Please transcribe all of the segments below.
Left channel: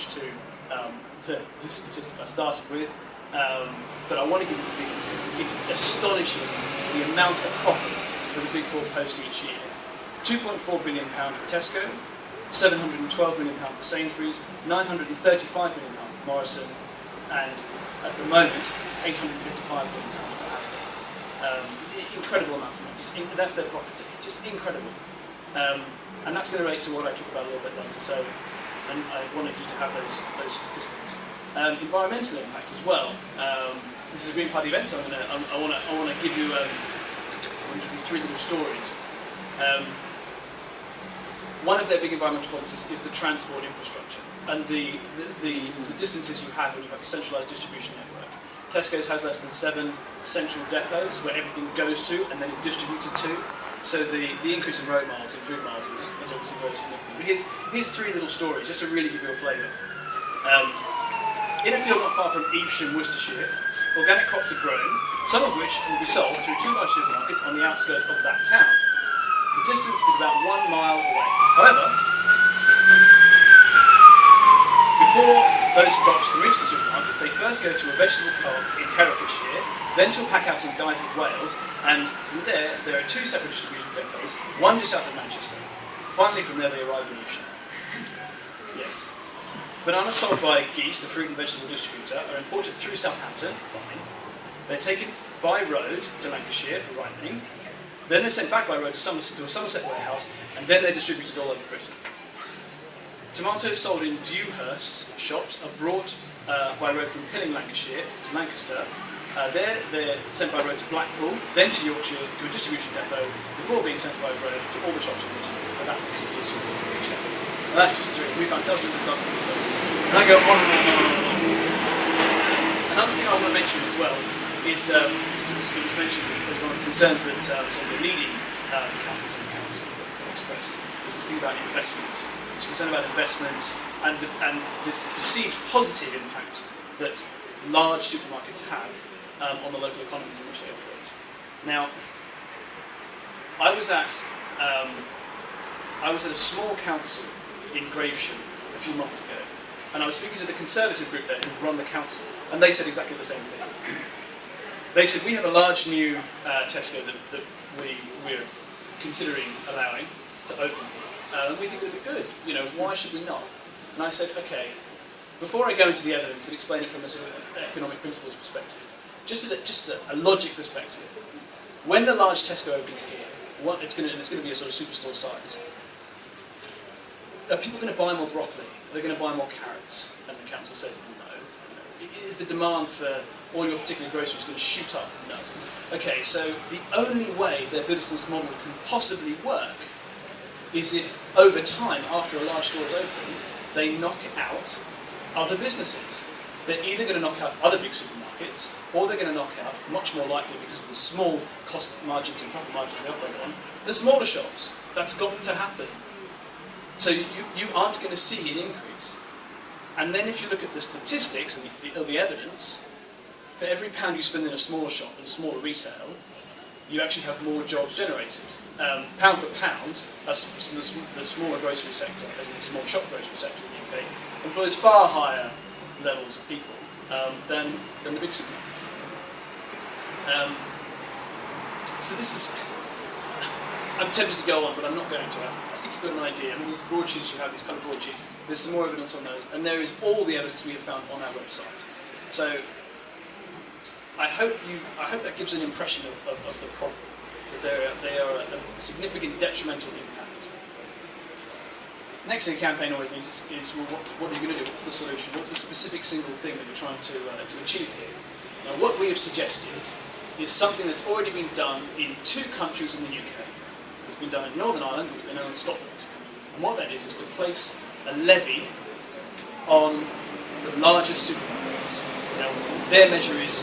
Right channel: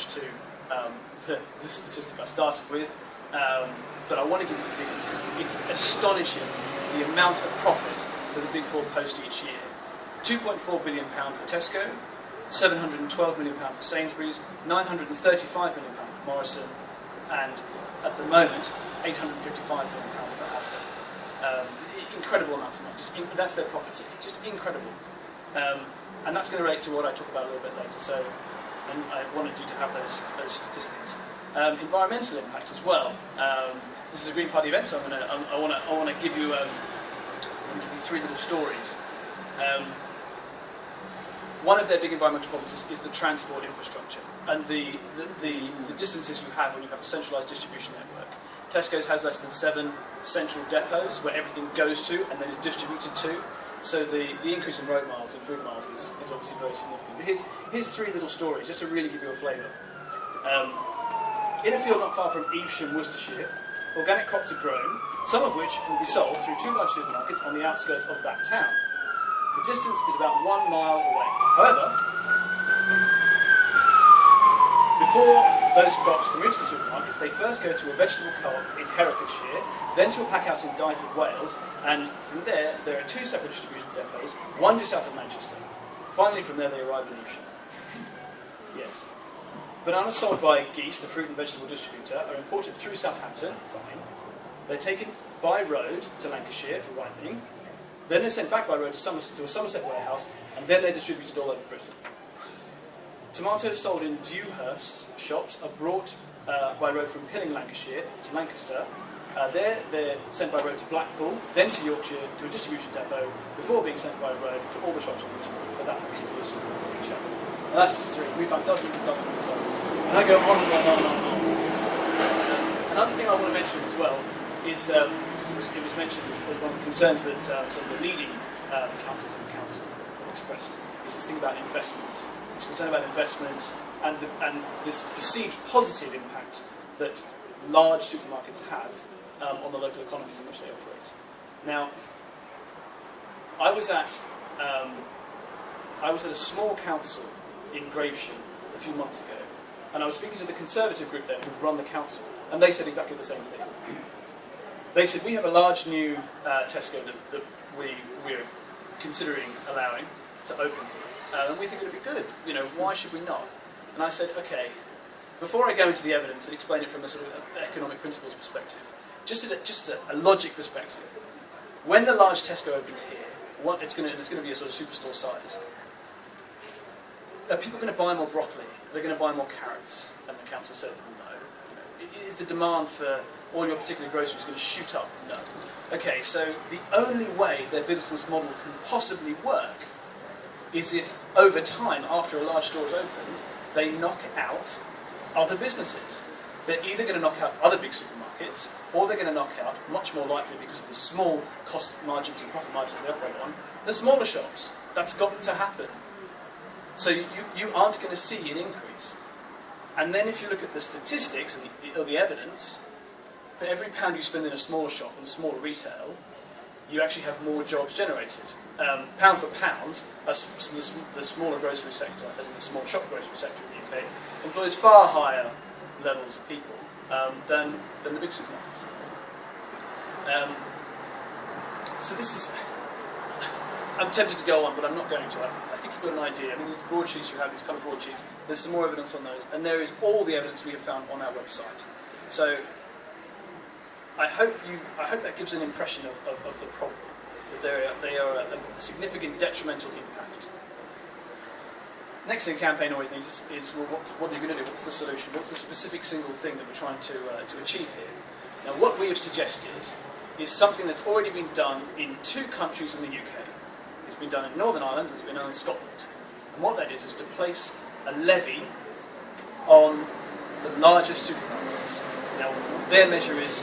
much to the statistic I started with, but I want to give you the figures because it's astonishing the amount of profit that the Big Four post each year. £2.4 billion for Tesco, £712 million for Sainsbury's, £935 million for Morrison, and at the moment, £855 million for Asda. Incredible amounts of money. That's their profits. Just incredible. And that's going to relate to what I talk about a little bit later. So, and I wanted you to have those statistics. Environmental impact as well. This is a Green Party event, so I want to give you three little stories. One of their big environmental problems is the transport infrastructure and the distances you have when you have a centralised distribution network. Tesco's has less than 7 central depots where everything goes to and then is distributed to. So the increase in road miles and food miles is obviously very significant. But here's three little stories, just to really give you a flavour. In a field not far from Evesham, Worcestershire, organic crops are grown, some of which will be sold through 2 large supermarkets on the outskirts of that town. The distance is about 1 mile away. However, before those crops can reach the supermarkets, they first go to a vegetable co-op in Herefordshire, then to a packhouse in Dyfed, Wales, and from there are 2 separate distribution depots, one just south of Manchester. Finally, from there they arrive in Evesham. Yes. Bananas sold by Geese, the fruit and vegetable distributor, are imported through Southampton, fine. They're taken by road to Lancashire for ripening, then they're sent back by road to a Somerset warehouse, and then they're distributed all over Britain. Tomatoes sold in Dewhurst shops are brought by road from Pilling, Lancashire to Lancaster. They're sent by road to Blackpool, then to Yorkshire to a distribution depot, before being sent by road to all the shops in Britain for that particular supermarket. And that's just 3. We found dozens and dozens and dozens. And I go on and on and on and on. Another thing I want to mention as well is, because it was mentioned as one of the concerns that some of the leading councils in the council expressed, is this thing about investment. It's concern about investment and this perceived positive impact that large supermarkets have on the local economies in which they operate. Now, I was at a small council in Gravesham a few months ago, and I was speaking to the Conservative group there who run the council, and they said exactly the same thing. They said, we have a large new Tesco that we're considering allowing to open here, and we think it would be good. You know, why should we not? And I said, okay, before I go into the evidence and explain it from a sort of economic principles perspective, just a logic perspective, when the large Tesco opens here, it's going to be a sort of superstore size. Are people going to buy more broccoli? Are they going to buy more carrots? And the council said, no. Is the demand for all your particular groceries going to shoot up? No. Okay, so the only way their business model can possibly work is if, over time, after a large store is opened, they knock out other businesses. They're either going to knock out other big supermarkets, or they're going to knock out, much more likely because of the small cost margins and profit margins they operate on, the smaller shops. That's got to happen. So you aren't going to see an increase. And then if you look at the statistics and the evidence, for every pound you spend in a smaller shop and a smaller retail, you actually have more jobs generated. Pound for pound, the smaller grocery sector, as in the small shop grocery sector in the UK, employs far higher levels of people than the big supermarkets. So this is... I'm tempted to go on, but I'm not going to. I think you've got an idea. I mean, these broadsheets you have, these kind of broadsheets, there's some more evidence on those, and there is all the evidence we have found on our website. So I hope that gives an impression of the problem, that they are a significant detrimental impact. Next thing a campaign always needs is well, what are you going to do? What's the solution? What's the specific single thing that we're trying to achieve here? Now, what we have suggested is something that's already been done in 2 countries in the UK. It's been done in Northern Ireland, it's been done in Scotland. And what that is to place a levy on the largest supermarkets. Now, their measure is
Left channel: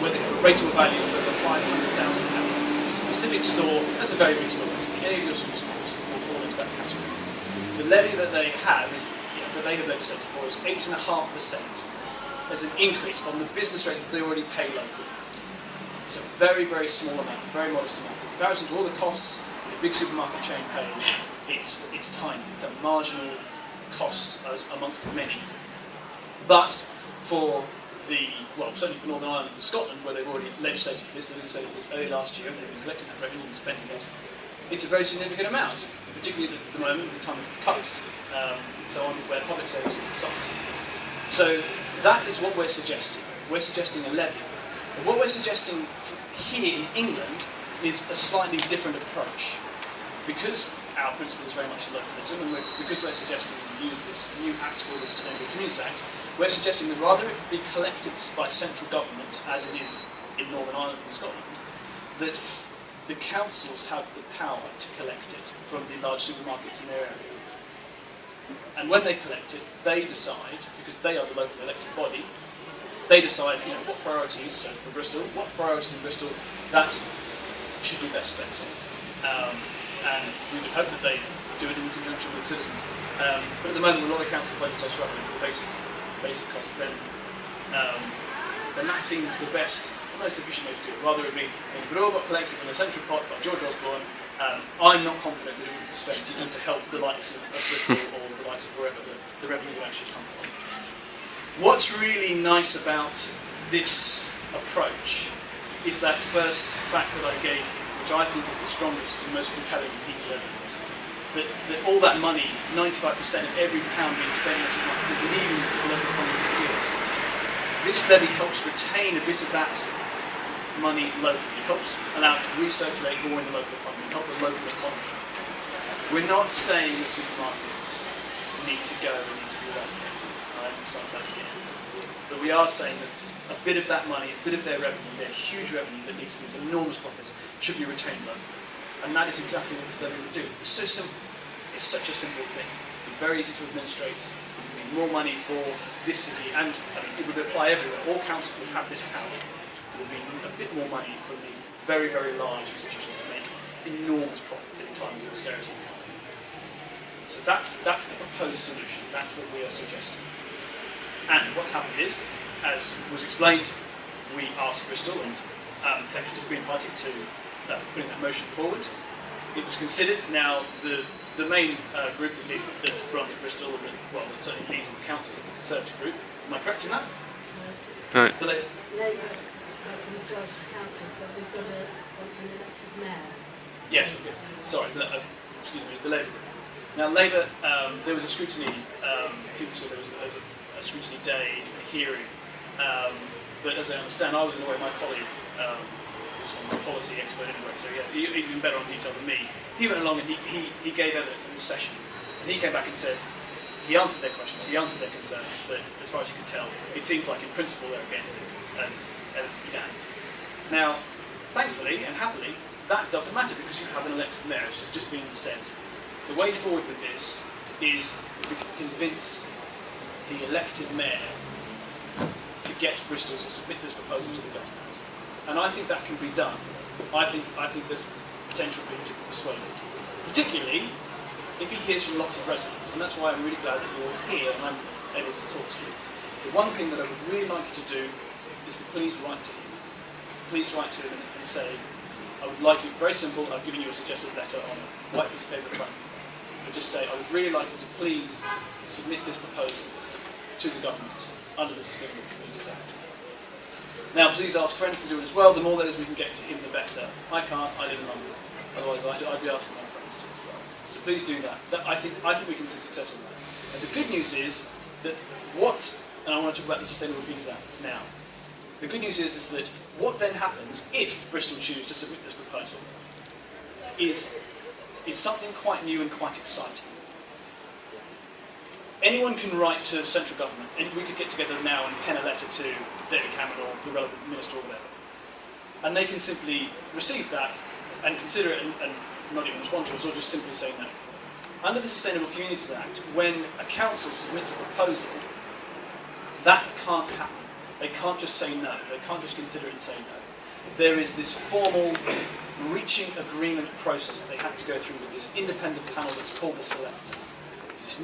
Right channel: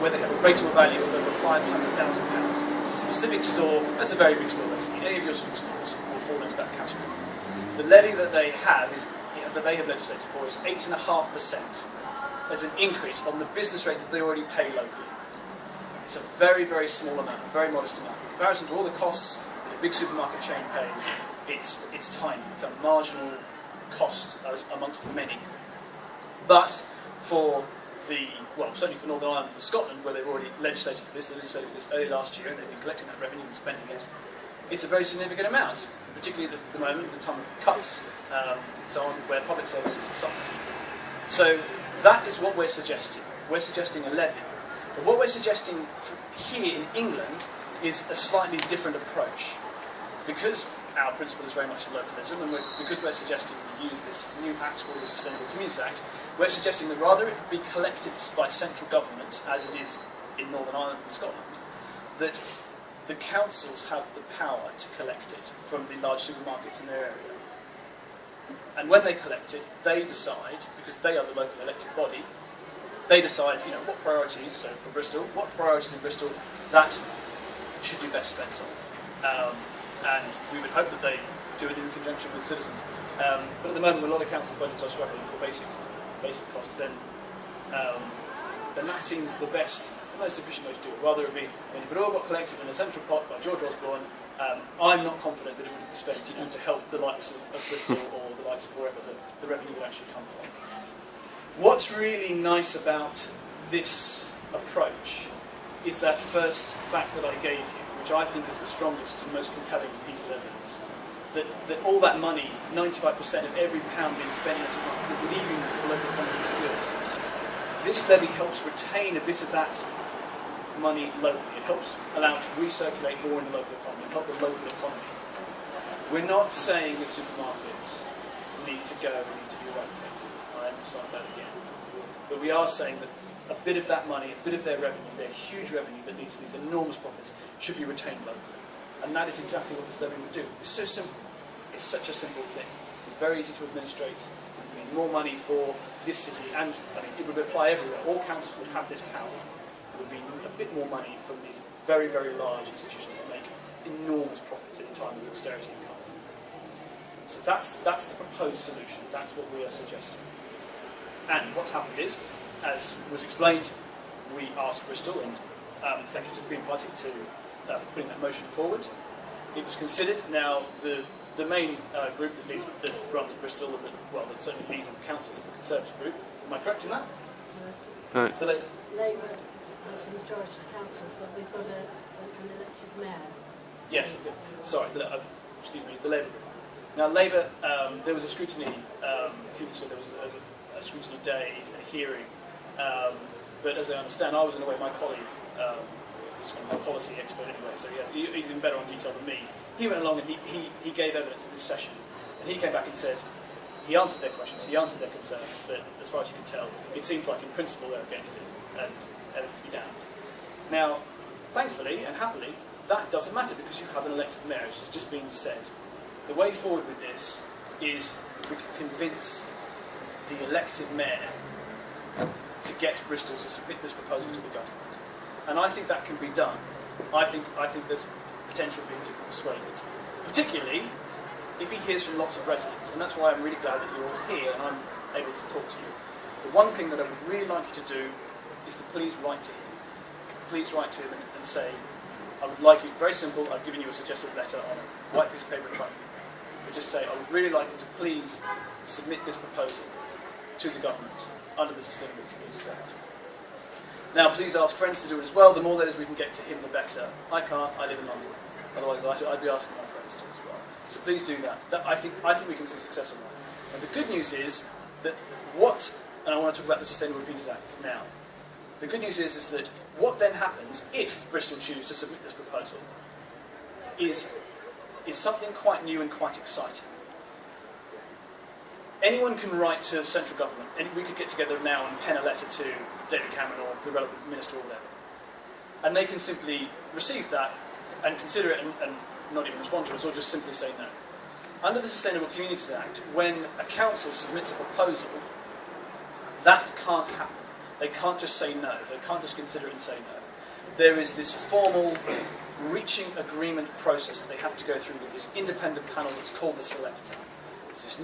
where they have a rateable value of over £500,000. A specific store, that's a very big store, basically. Any of your superstores will fall into that category. The levy that they have that they have legislated for is 8.5% as an increase on the business rate that they already pay locally. It's a very, very small amount, a very modest amount. In comparison to all the costs that a big supermarket chain pays, it's tiny. It's a marginal cost amongst many. But for certainly for Northern Ireland and for Scotland, where they've already legislated for this, they legislated for this early last year, and they've been collecting that revenue and spending it, it's a very significant amount, particularly at the moment, at the time of cuts, and so on, where public services are suffering. So that is what we're suggesting. We're suggesting a levy. But what we're suggesting here in England is a slightly different approach. Because our principle is very much localism, and because we're suggesting we use this new act called the Sustainable Communities Act, we're suggesting that rather it be collected by central government, as it is in Northern Ireland and Scotland, that the councils have the power to collect it from the large supermarkets in their area. And when they collect it, they decide, because they are the local elected body, they decide, what priorities, so for Bristol, what priorities in Bristol that should be best spent on. And we would hope that they do it in conjunction with citizens. But at the moment, a lot of councils' budgets are struggling with basic costs. Then that seems the most efficient way to do it. Rather it be, if it all got collected in a central pot by George Osborne, I'm not confident that it would be spent to help the likes of Bristol or the likes of wherever the revenue would actually come from. What's really nice about this approach is that first fact that I gave you, which I think is the strongest and most compelling piece of evidence, that all that money, 95% of every pound being spent is leaving the local economy for years. This levy helps retain a bit of that money locally. It helps allow it to recirculate more in the local economy, help the local economy. We're not saying that supermarkets need to go and need to be eradicated. I emphasise that again. But we are saying that a bit of that money, a bit of their revenue, their huge revenue that leads to these enormous profits, should be retained locally. And that is exactly what this levy would do. It's so simple. It's such a simple thing. It's very easy to administrate. It would mean more money for this city, and it would apply everywhere. All councils would have this power. It would mean a bit more money from these very, very large institutions that make enormous profits in times of austerity and health. So that's the proposed solution. That's what we are suggesting. And what's happened is, as was explained, we asked Bristol, and thank you to the Green Party for putting that motion forward. It was considered. Now, the main group that runs at Bristol, that certainly leads on the council, is the Conservative group. Am I correct in that? No. The Labour has a majority of councils, but we've got an elected mayor. Yes, okay. Sorry, excuse me, the Labour group. Now, Labour, there was a scrutiny, a few weeks ago, there was a scrutiny day, a hearing, but as I understand, I wasn't aware, my colleague, a policy expert anyway, so yeah, he's even better on detail than me. He went along and he gave evidence in this session, and he came back and said, he answered their questions, he answered their concerns, but as far as you can tell, it seems like in principle they're against it, and evidence be damned. Now, thankfully and happily, that doesn't matter because you have an elected mayor, as has just been said. The way forward with this is if we can convince the elected mayor to get Bristol to submit this proposal to the government. And I think that can be done. I think there's potential for him to be persuaded. Particularly if he hears from lots of residents. And that's why I'm really glad that you're all here and I'm able to talk to you. The one thing that I would really like you to do is to please write to him. Please write to him and say, I would like you, very simple, I've given you a suggested letter on a white piece of paper in front of you. But just say, I would really like you to please submit this proposal to the government under the Sustainable Communities Act. Now, please ask friends to do it as well. The more letters we can get to him, the better. I can't. I live in London. Otherwise, I'd be asking my friends to as well. So please do that. I think we can see success on that. And the good news is that and I want to talk about the Sustainable Communities Act now. The good news is that what then happens if Bristol choose to submit this proposal is something quite new and quite exciting. Anyone can write to central government, and we could get together now and pen a letter to David Cameron or the relevant minister or whatever. And they can simply receive that and consider it and not even respond to us, or just simply say no. Under the Sustainable Communities Act, when a council submits a proposal, that can't happen. They can't just say no. They can't just consider it and say no. There is this formal reaching agreement process that they have to go through with this independent panel that's called the Select. It's this